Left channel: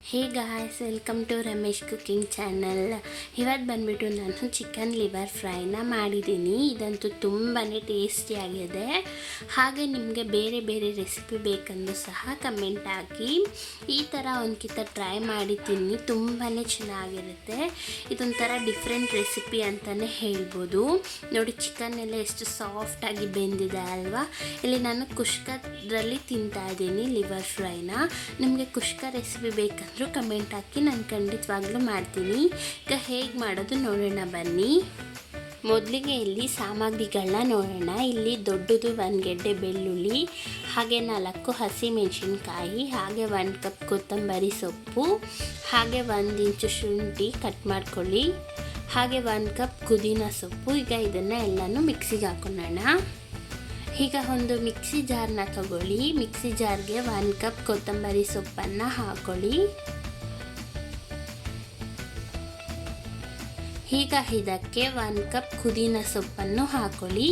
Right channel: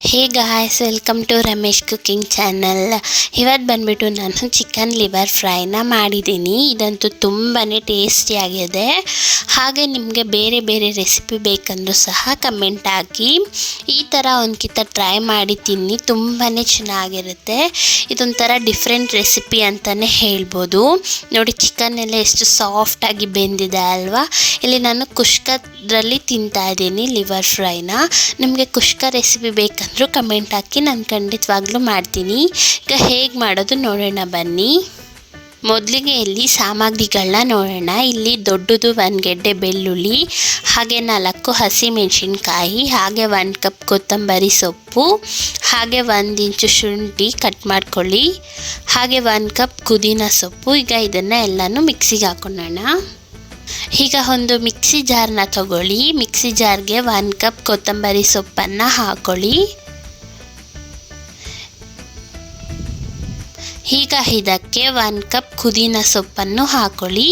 Hey guys, welcome to Ramesh cooking channel. ಇವತ್ತು ಬಂದುಬಿಟ್ಟು ನಾನು ಚಿಕನ್ ಲಿವರ್ ಫ್ರೈನ ಮಾಡಿದ್ದೀನಿ. ಇದಂತೂ ತುಂಬಾ ಟೇಸ್ಟಿಯಾಗಿದೆ. ಹಾಗೆ ನಿಮಗೆ ಬೇರೆ ಬೇರೆ ರೆಸಿಪಿ ಬೇಕಂದ್ರೂ ಸಹ ಕಮೆಂಟ್ ಹಾಕಿ. ಈ ಥರ ಒಂದ್ಕಿತ ಟ್ರೈ ಮಾಡಿ ತಿನ್ನಿ, ತುಂಬಾ ಚೆನ್ನಾಗಿರುತ್ತೆ. ಇದೊಂಥರ ಡಿಫ್ರೆಂಟ್ ರೆಸಿಪಿ ಅಂತಲೇ ಹೇಳ್ಬೋದು. ನೋಡಿ, ಚಿಕನ್ ಎಲ್ಲ ಎಷ್ಟು ಸಾಫ್ಟಾಗಿ ಬೆಂದಿದೆ ಅಲ್ವಾ. ಇಲ್ಲಿ ನಾನು ಕುಷ್ಕದಲ್ಲಿ ತಿಂತಾ ಇದ್ದೀನಿ ಲಿವರ್ ಫ್ರೈನ. ನಿಮಗೆ ಕುಷ್ಕ ರೆಸಿಪಿ ಬೇಕಂದ್ರೆ ಕಮೆಂಟ್ ಹಾಕಿ, ನಾನು ಖಂಡಿತವಾಗ್ಲೂ ಮಾಡ್ತೀನಿ. ಈಗ ಹೇಗೆ ಮಾಡೋದು ನೋಡೋಣ ಬನ್ನಿ. ಮೊದಲಿಗೆ ಇಲ್ಲಿ ಸಾಮಗ್ರಿಗಳನ್ನ ನೋಡೋಣ. ಇಲ್ಲಿ ದೊಡ್ಡದು 1 ಗೆಡ್ಡೆ ಬೆಳ್ಳುಳ್ಳಿ, ಹಾಗೆ 4 ಹಸಿಮೆಣಸಿನ್ಕಾಯಿ, ಹಾಗೆ 1 ಕಪ್ ಕೊತ್ತಂಬರಿ ಸೊಪ್ಪು, ಹಾಗೆ 1 ಇಂಚು ಶುಂಠಿ ಕಟ್ ಮಾಡ್ಕೊಳ್ಳಿ, ಹಾಗೆ 1 ಕಪ್ ಪುದೀನ ಸೊಪ್ಪು. ಈಗ ಇದನ್ನು ಎಲ್ಲನೂ ಮಿಕ್ಸಿಗೆ ಹಾಕೊಳ್ಳೋಣ. ಈಗ ಒಂದು ಮಿಕ್ಸಿ ಜಾರ್ನ ತಗೊಳ್ಳಿ. ಮಿಕ್ಸಿ ಜಾರ್ಗೆ 1 ಕಪ್ ಕೊತ್ತಂಬರಿ ಸೊಪ್ಪನ್ನು ಹಾಕೊಳ್ಳಿ. ಈಗ ಇದಕ್ಕೆ 1 ಕಪ್ ಪುದೀನ ಸೊಪ್ಪನ್ನು ಹಾಕೊಳ್ಳಿ.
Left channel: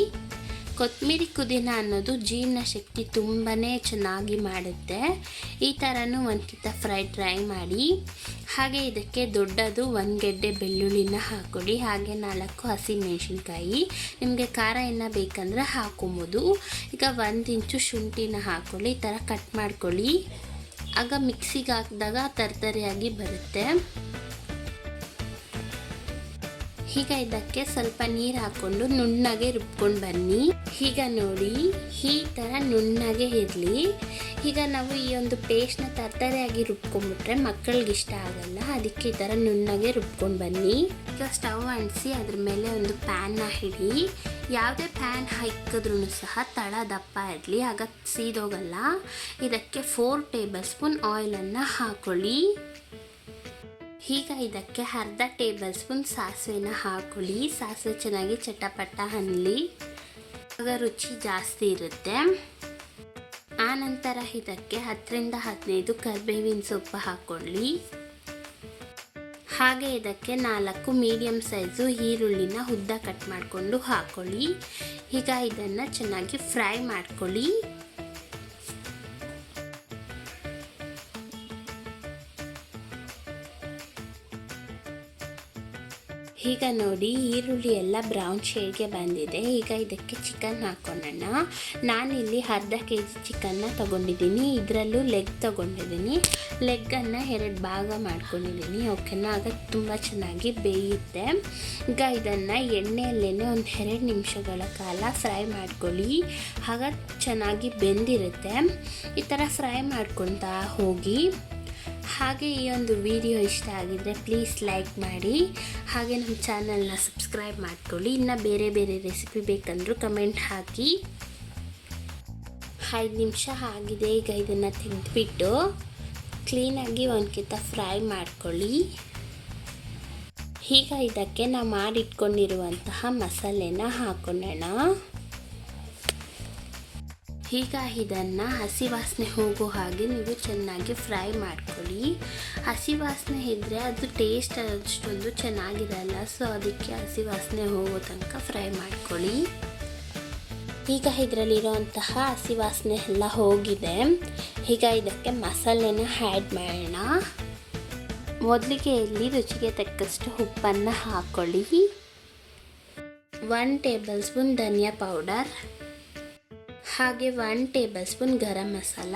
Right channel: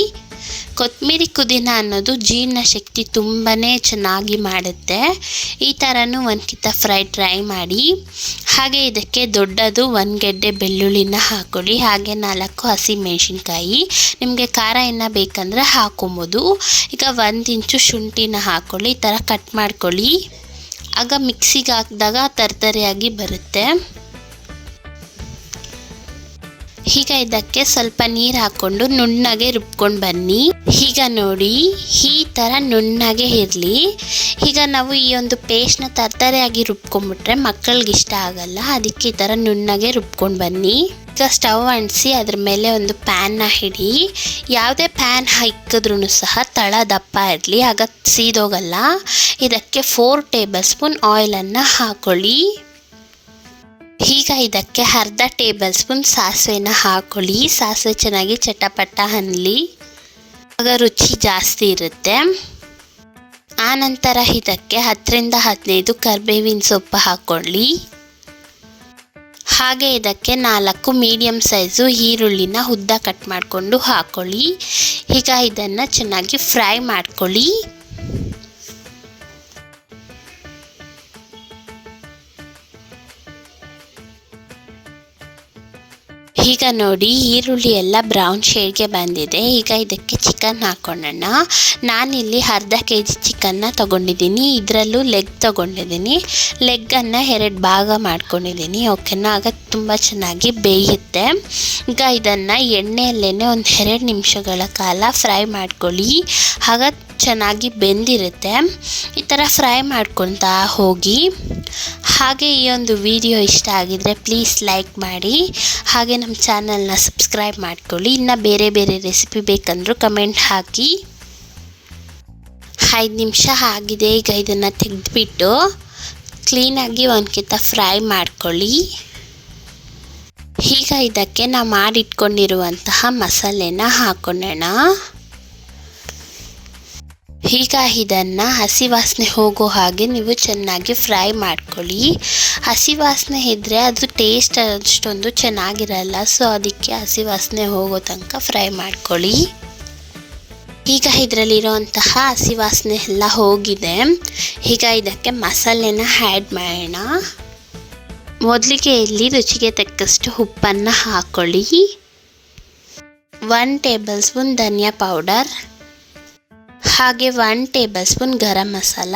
ಕೊತ್ತಂಬರಿ ಪುದೀನ ಅನ್ನೋದು ಜೀರ್ಣಶಕ್ತಿ ತುಂಬಾ ಚೆನ್ನಾಗಿ ಮಾಡುತ್ತೆ. ಈ ಥರನೂ ಒಂದ್ಕಿತ ಫ್ರೈ ಟ್ರೈ ಮಾಡಿ. ಹಾಗೆ ಇದಕ್ಕೆ ದೊಡ್ಡದು 1 ಗೆಡ್ಡೆ ಬೆಳ್ಳುಳ್ಳಿನ ಹಾಕೊಳ್ಳಿ, ಹಾಗೆ 4 ಹಸಿಮೆಣಸಿನ್ಕಾಯಿ. ನಿಮಗೆ ಖಾರ ಏನು ಬೇಕಂದರೆ ಹಾಕೊಬೋದು. ಈಗ 1 ಇಂಚು ಶುಂಠಿನ ಹಾಕ್ಕೊಳ್ಳಿ. ಈ ಥರ ಕಟ್ ಮಾಡ್ಕೊಳ್ಳಿ. ಆಗ ಮಿಕ್ಸಿಗೆ ಹಾಕಿದಾಗ ತರ್ತರಿಯಾಗಿ ಬರುತ್ತೆ. ಈಗ ಇದಕ್ಕೆ ಸ್ವಲ್ಪ ನೀರು ಹಾಕ್ಕೊಂಡು ನುಣ್ಣಗೆ ರುಬ್ಕೊಂಡು ಬನ್ನಿ. ಈಗ ನೋಡಿ, ಈ ಥರ ನುಣ್ಣಗೆ ಇರಲಿ. ಈಗ ನಾವು ಈ ಒಂದು ಪೇಸ್ಟ್ನ ತರ್ತರೆಯಾಗಿ ರುಬ್ಕೊಂಡ್ಬಿಟ್ರೆ ಮಕ್ಕಳಿಗೆ ಇಷ್ಟ ಆಗಲ್ಲ. ಅದಕ್ಕೆ ಈ ಥರ ನುಣ್ಣಗೆ ರುಬ್ಕೊಂಡು ಬನ್ನಿ. ಈಗ ಸ್ಟವ್ ಅಂಟಿಸಿ ಅದ್ರ ಮೇಲೆ ಒಂದು ಪ್ಯಾನ್ನ ಇಡಿ. ಯಾವುದೇ ಪ್ಯಾನ್ ಇಕ್ಕಿದ್ರೂ ಸಹ ತಳ ದಪ್ಪ ಇರಲಿ, ಆಗ ಸೀದೋಗಲ್ಲ. ಇದಕ್ಕೆ 4 ಟೇಬಲ್ ಸ್ಪೂನ್ ಆಯಿಲನ್ನು ಹಾಕೊಳ್ಳಿ. ಈಗ ಇದಕ್ಕೆ ಅರ್ಧ ಟೇಬಲ್ ಸ್ಪೂನ್ ಸಾಸಿವೆನ ಹಾಕೊಳ್ಳಿ. ಸಾಸಿವೆ ಚೆನ್ನಾಗಿ ಚಟಪಟ ಅನ್ನಲಿ, ಆಗ ರುಚಿ ಜಾಸ್ತಿ ಇರುತ್ತೆ. ಆನಂತರ ಇದಕ್ಕೆ 10 ರಿಂದ 15 ಕರಿಬೇವಿನ ಸೊಪ್ಪು ಹಾಕ್ಕೊಳ್ಳಿ. ಹಾಗೆ ಇದಕ್ಕೆ 4 ಮೀಡಿಯಮ್ ಸೈಜು ಈರುಳ್ಳಿನ ಉದ್ದ ಕಟ್ ಮಾಡಿಕೊಂಡು ಹಾಕ್ಕೊಳ್ಳಿ. ಈಗ ಇದನ್ನು ಚೆನ್ನಾಗಿ ಫ್ರೈ ಮಾಡ್ಕೊಳ್ಳಿ. ಈಗ ನೋಡಿ, ಈರುಳ್ಳಿ ಎಲ್ಲ ಬ್ರೌನ್ ಶೇಡ್ಗೆ ಬಂದಿದೆ. ಈಗ ಇದಕ್ಕೆ ಚಿಕನ್ ಹಾಕ್ಕೊಳ್ಳೋಣ. ನಾನಿಲ್ಲಿ ಅರ್ಧ kg ಚಿಕನ್ನ ತೊಗೊಂಡಿದ್ದೀನಿ. ಇದರಲ್ಲೂ ಲೆಗ್ ತೊಗೊಂಡಿದ್ದೀನಿ. ಲೆಗ್ಗನ್ನು 2 ಭಾಗ ಮಾಡ್ಕೊಂಡಿದ್ದೀನಿ. ಓಕೆನಾ, ಆಗ ತುಂಬ ಚೆನ್ನಾಗಿ ಬೇಯುತ್ತೆ. ಈಗ ಇದನ್ನು ಎಣ್ಣೆಯಲ್ಲೇ ಒಂದು 2 ನಿಮಿಷಗಳ ಕಾಲ ಫ್ರೈ ಮಾಡ್ಕೊಳ್ಳಿ. ಆಗ ಚೆನ್ನಾಗಿ ಬೆಂದಿರುತ್ತೆ. ಈ ಥರ ಫ್ರೈ ಮಾಡ್ಕೊತಾ ಹೋಗಿ. ಹಾಗೆ ಈ ಒಂದು ವಿಡಿಯೋ ಇಷ್ಟ ಆಗಿದರೆ ಪ್ಲೀಸ್ ಲೈಕ್ ಮಾಡಿ, ಹಾಗೆ ನಮ್ಮ ಚಾನಲ್ನ ಸಬ್ಸ್ಕ್ರೈಬ್ ಮಾಡ್ಕೊಳ್ಳಿ. ಇನ್ನು ಬೇರೆ ಬೇರೆ ರೆಸಿಪಿ ಬೇಕಂದ್ರೂ ಕಮೆಂಟ್ ಹಾಕಿ. 5 ನಿಮಿಷ ಆಗಿದೆ. ಈಗ ಇದನ್ನು ತೆಗೆದುಬಿಟ್ಟು ಕ್ಲೀನಾಗಿ ಒಂದ್ಕಿತ ಫ್ರೈ ಮಾಡ್ಕೊಳ್ಳಿ. ಈಗ ಇದಕ್ಕೆ ನಾವು ಮಾಡಿಟ್ಕೊಂಡಿರುವಂತಹ ಮಸಾಲೆನ ಹಾಕೊಳ್ಳೋಣ. ಈಗ ಇದನ್ನು ಹಸಿ ವಾಸನೆ ಹೋಗೋ ಹಾಗೆ ನೀವು ಚೆನ್ನಾಗಿ ಫ್ರೈ ಮಾಡ್ಕೊಳ್ಳಿ. ಹಸಿ ವಾಸನೆ ಇದ್ದರೆ ಅದು ಟೇಸ್ಟ್ ಅಷ್ಟೊಂದು ಚೆನ್ನಾಗಿರಲ್ಲ. ಸೊ ಅದಕ್ಕೆ ಹಸಿ ವಾಸನೆ ಹೋಗೋ ತನಕ ಫ್ರೈ ಮಾಡ್ಕೊಳ್ಳಿ. ಈಗ ಇದರಲ್ಲಿರೋಂತಹ ಹಸಿ ವಾಸನೆ ಎಲ್ಲ ಹೋಗಿದೆ. ಈಗ ಇದಕ್ಕೆ ಮಸಾಲೆನ ಆ್ಯಡ್ ಮಾಡೋಣ. ಮೊದಲಿಗೆ ಇಲ್ಲಿ ರುಚಿಗೆ ತಕ್ಕಷ್ಟು ಉಪ್ಪನ್ನು ಹಾಕ್ಕೊಳ್ಳಿ. 1 ಟೇಬಲ್ ಸ್ಪೂನ್ ಧನಿಯಾ ಪೌಡರ್, ಹಾಗೆ 1 ಟೇಬಲ್ ಸ್ಪೂನ್ ಗರಂ ಮಸಾಲ,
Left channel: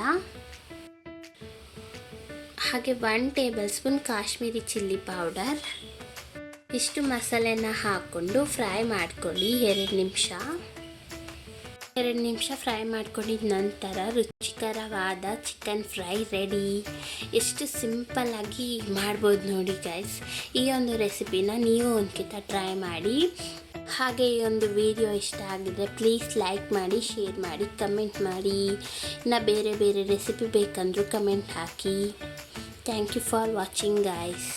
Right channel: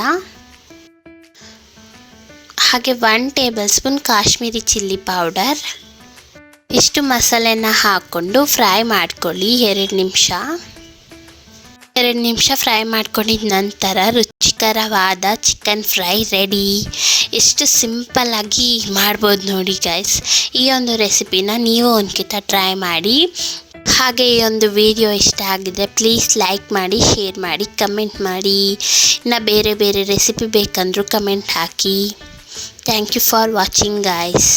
ಹಾಗೆ 1 table spoon Kashmiri chilli powder. ಇಷ್ಟು ಮಸಾಲೆನ ಹಾಕ್ಕೊಂಡು ಫ್ರೈ ಮಾಡ್ಕೊಳ್ಳಿ 2 ನಿಮಿಷ. 2 ನಿಮಿಷ ಫ್ರೈ ಮಾಡ್ಕೊಂಡಿದ ನಂತರ ರುಚಿಕರವಾದ ಚಿಕನ್ ಫ್ರೈ ರೆಡಿ. ಎಷ್ಟು ಸಿಂಪಲ್ಲಾಗಿ ಮಾಡ್ಬೋದು ನೋಡಿ ಗೈಸ್. ಈ ಒಂದು ರೆಸಿಪಿನ ನೀವು ಒಂದ್ಕಿತ ಟ್ರೈ ಮಾಡಿ. ಹಾಗೆ ಈ ಒಂದು ವಿಡಿಯೋ ಇಷ್ಟ ಆಗಿದೆ ಪ್ಲೀಸ್ ಲೈಕ್ ಮಾಡಿ, ಶೇರ್ ಮಾಡಿ, ಕಮೆಂಟ್ ಮಾಡಿ. ಇನ್ನು ಬೇರೆ ಬೇರೆ ರೆಸಿಪಿ ಬೇಕಂದ್ರೂ ಕಮೆಂಟ್ ಹಾಕಿ. Thank you for watching guys.